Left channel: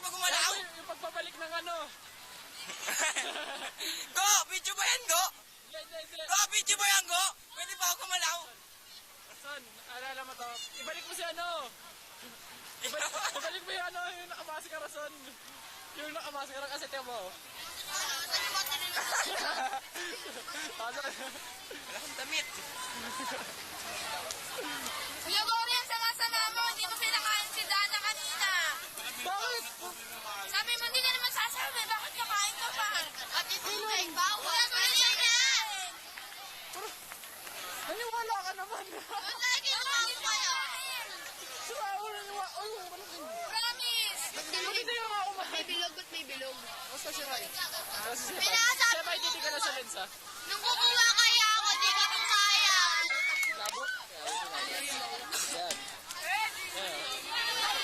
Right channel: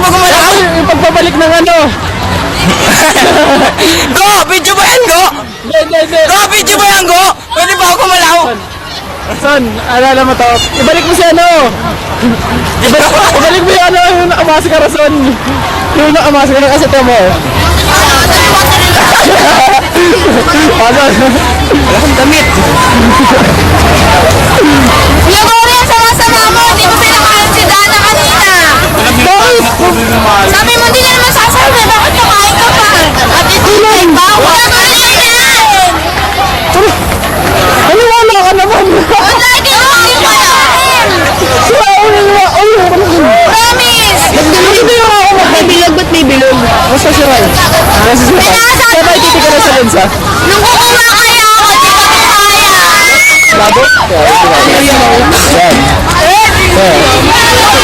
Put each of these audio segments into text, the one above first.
ba gumalaw? Yung pagpabalik ng ano. Go! Video ba yan, Go? Hindi. Go! Video ba yan, Go? Pwede ba ako gumalaw? Son, alala mo to. Ibalik mo si ano. Ibalik mo yung ano, yung nakamaskara, Son. Yung nakamaskara kasi ito mo. Ano? Wala kang damit. Kuya Mori, ang sama-sama mo. Hindi mo pinakain si Dana kanina. Sabi mo, hindi na naman sasabi. Bakit nakain ka pa? At ito na yung bawal. Ano yan? Ano wala ka naman? Ang lagi mo yung malain. Promise. Hindi yung ako magbibilog, ba't may bilog? Basta si Rai. Basta si Rai. Kaya ba ititika na sa lensa? Nung kukuha kaya ako, di ko kaya. Labo? Yan.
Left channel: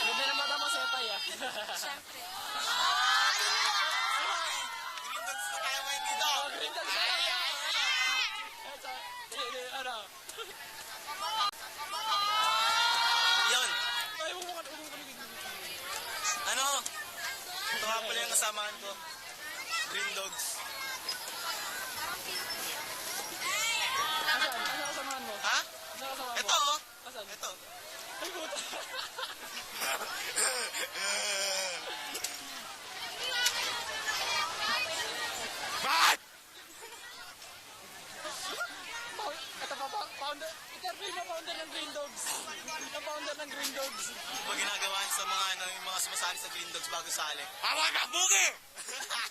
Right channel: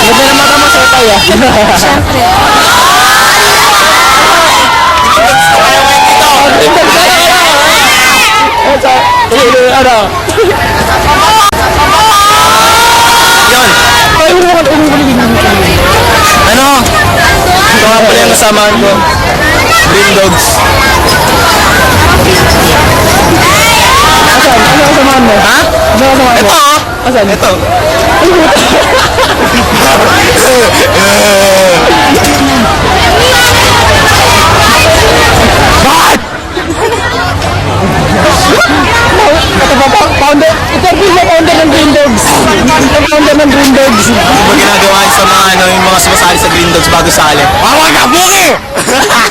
Ganda na mata mo sa itay ah. Siyempre. Ano? Yun. Ay, Ano? Ito nga pala yung kasamaan ko. Green Dogs. Asan? Ano kasamahan mo? Ha? Ano kasamahan mo? Ito, oh. Asan? Ito. Bakit? Founder, interview mo founder ng Green Dogs. Founder ng Green Dogs. Ano ba ginagawa sa mga ano, yung mga sumasali sa Green Dogs bago sali? Awag ka, Buki!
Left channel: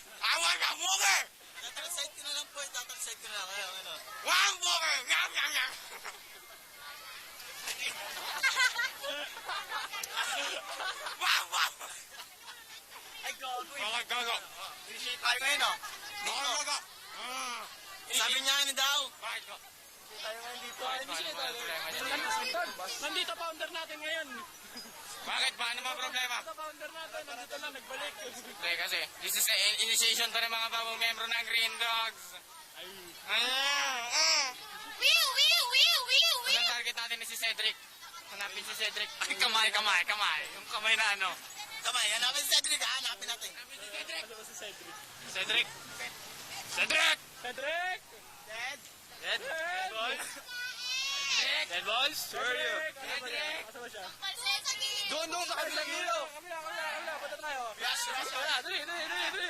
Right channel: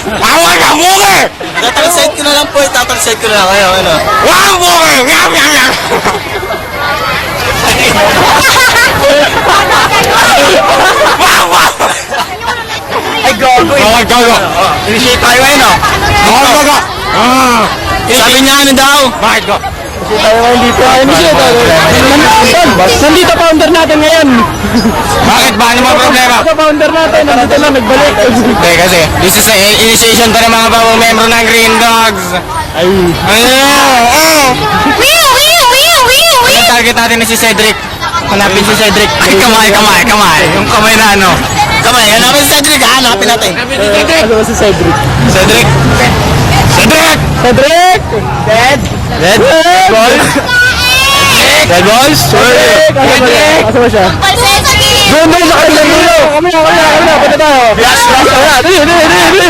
Awag ka, Buki! Tatalsite ko na lang po, tatalsite ko na lang kayo, ano? Wag, Buki! Yam, yam, yam! Wag, wag! Ay, gogo eh! Gogo, gogo! Initiate tayo ngayon, oh! Gogo, gogo! Sabi niya ano daw? Bakit go? Kasi tayo ngayon dito. Nandito founder natin ngayon. Bakit ba? Ano mga problema? Ito founder natin. Nandito na nagbalik. Hindi kasi, this is an initiation to ng mga bagong membro ng Green Dogs. Ay. Ang target natin na si Cedric. Hanapin si Cedric. Ay, kamay. Yung kamay na ano. Kamay, hanapin si Cedric ha. Hanapin natin. Ano ba si Cedric? Cedric! Cedric! Cedric! Red balls? Red balls? Cedric! Asa ba siya? Doon sa kanilang dulo. Kami na. Punta tayo. Yes. Dili.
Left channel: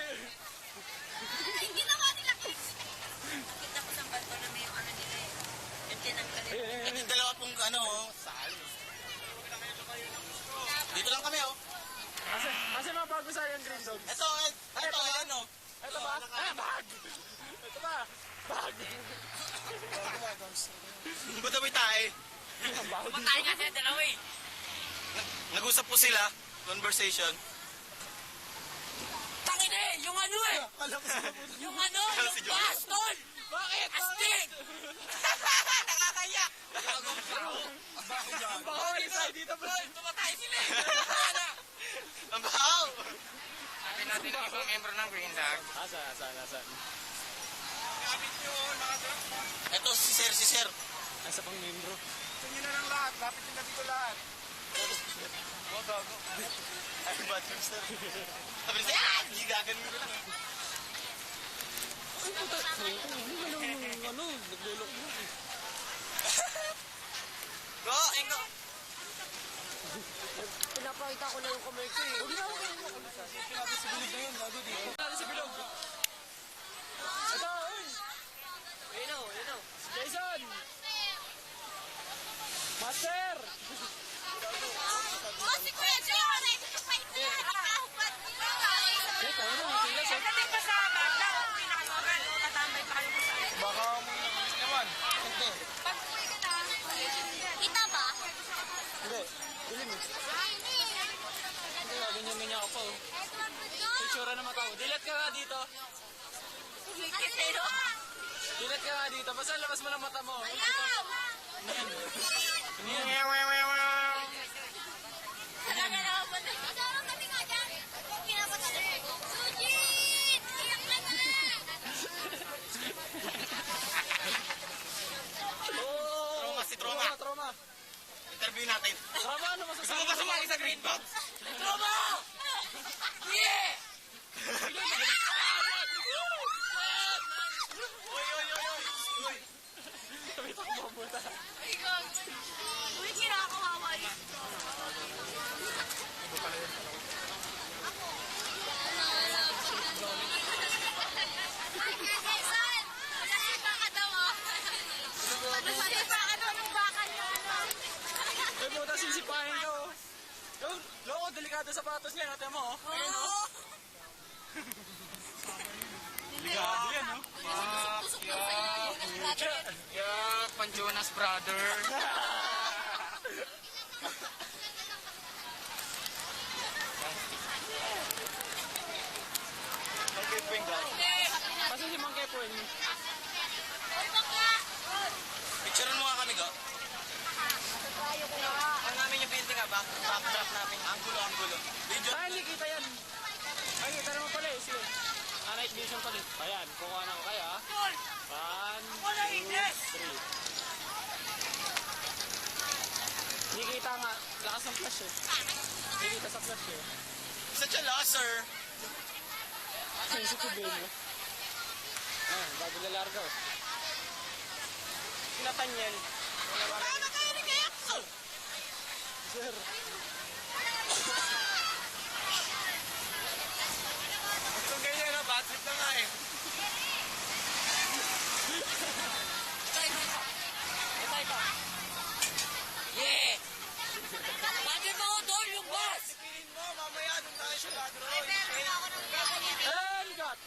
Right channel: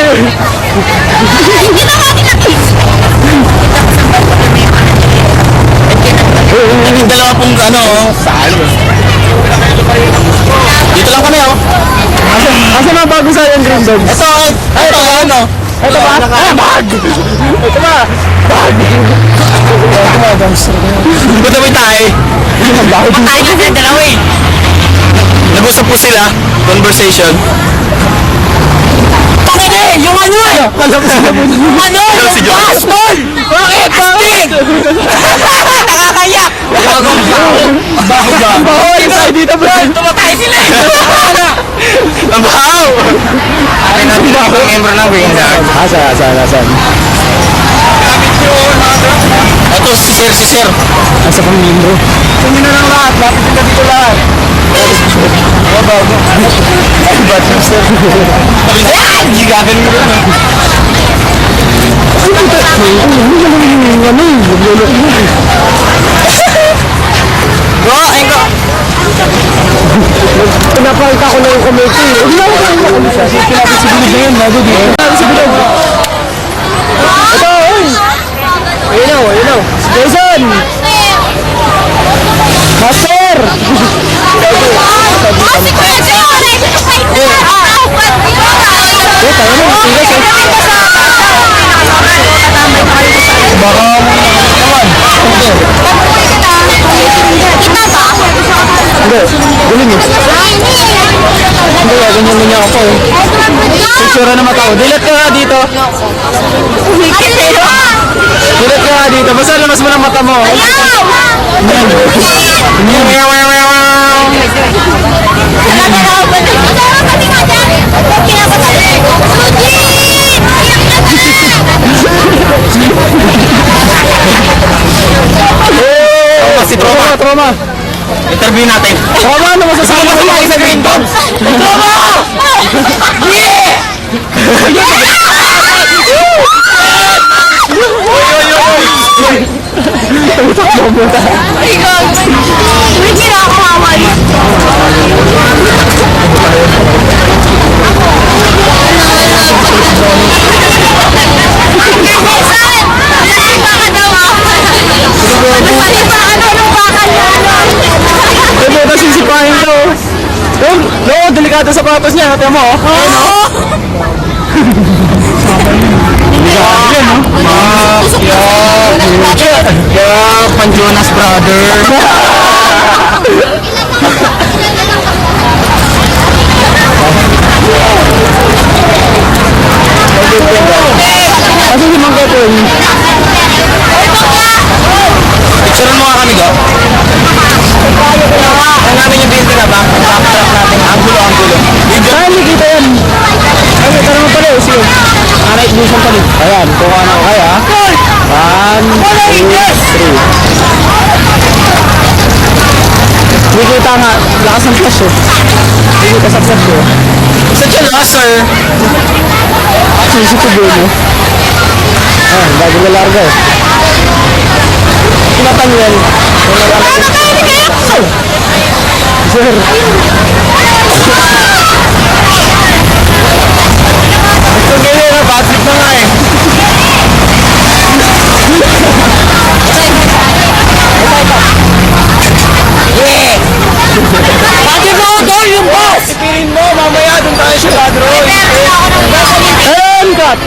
Yung dalawa pong ano, saan? Dito lang kami, oh. Asa mga bago sa yung Green Dogs? Ito, ano? Ito ba? Bag! Ito ba? Bag! Ito ba, dumpster? Punta mo tayo. Patay na sa dalawa eh. Nag-usap po sila. Conversation. Bakit eh? Yung ano eh? Alam mo sila mo. Ano? Yung bastol! Bakit? Nakakayak! Baho ba? Bahoy tayo dito, bro! Tumatay sila eh! Ang bahaw! Akin natin ang membro ng Green Dogs. Asan? Ito si Sir. Asa pang membro? Kami na lang lahat. Lapit na dito lahat. Bago. Ay, bad news, sir. Ayan! Gigagan mo rin. Bro, ayun ko. Pinapalta ko na yung committee. Hindi na ako kayo siya. Pinapit si Bilog na yun. Bago dito. Pinapit si Bilog. Ito, oy! Ayun. Jason! Master! Tayo na, tigas eh. Baka naman. Hindi, guling eh. Hindi, ganyan niya ako eh. Picture na mata ko. Dilat ka nga dito. Dilat ka nga dito. Basta lamas mo ng mata mo. Si Troma. Interview natin. Troma, ano masasabi mo sa Green Dogs? Troma! delikado sa sapatos niya. Tingnan mo, oh. Ayun, oh. Delikado yan, oh. Yeah, pan Jonas brother. Kasi si Mang Kepon. Picturean mo nga kami, Go. Ang namin yung building na ba? Backtrack natin. Angulo. Video. Saan nakikita yan? Ay, ito naman pala, oh. Sige. Night vision pala. Ayan, kuha na ko kaya. 1, 2, 3. Nakikita nga, lakas ng flash, oh. Nakikita sa flash, oh. Saan siya na, sir? CCTV mo. Ayan, bago na larga, eh. Kinatan yan. Kung nalalaki. Sir. Ito ganyan na, bad trip na nga eh. Yeah! Bakit mo ito yung boss? Ipirin mo, mamaya doon tayo sa ladron. Ayan, cut.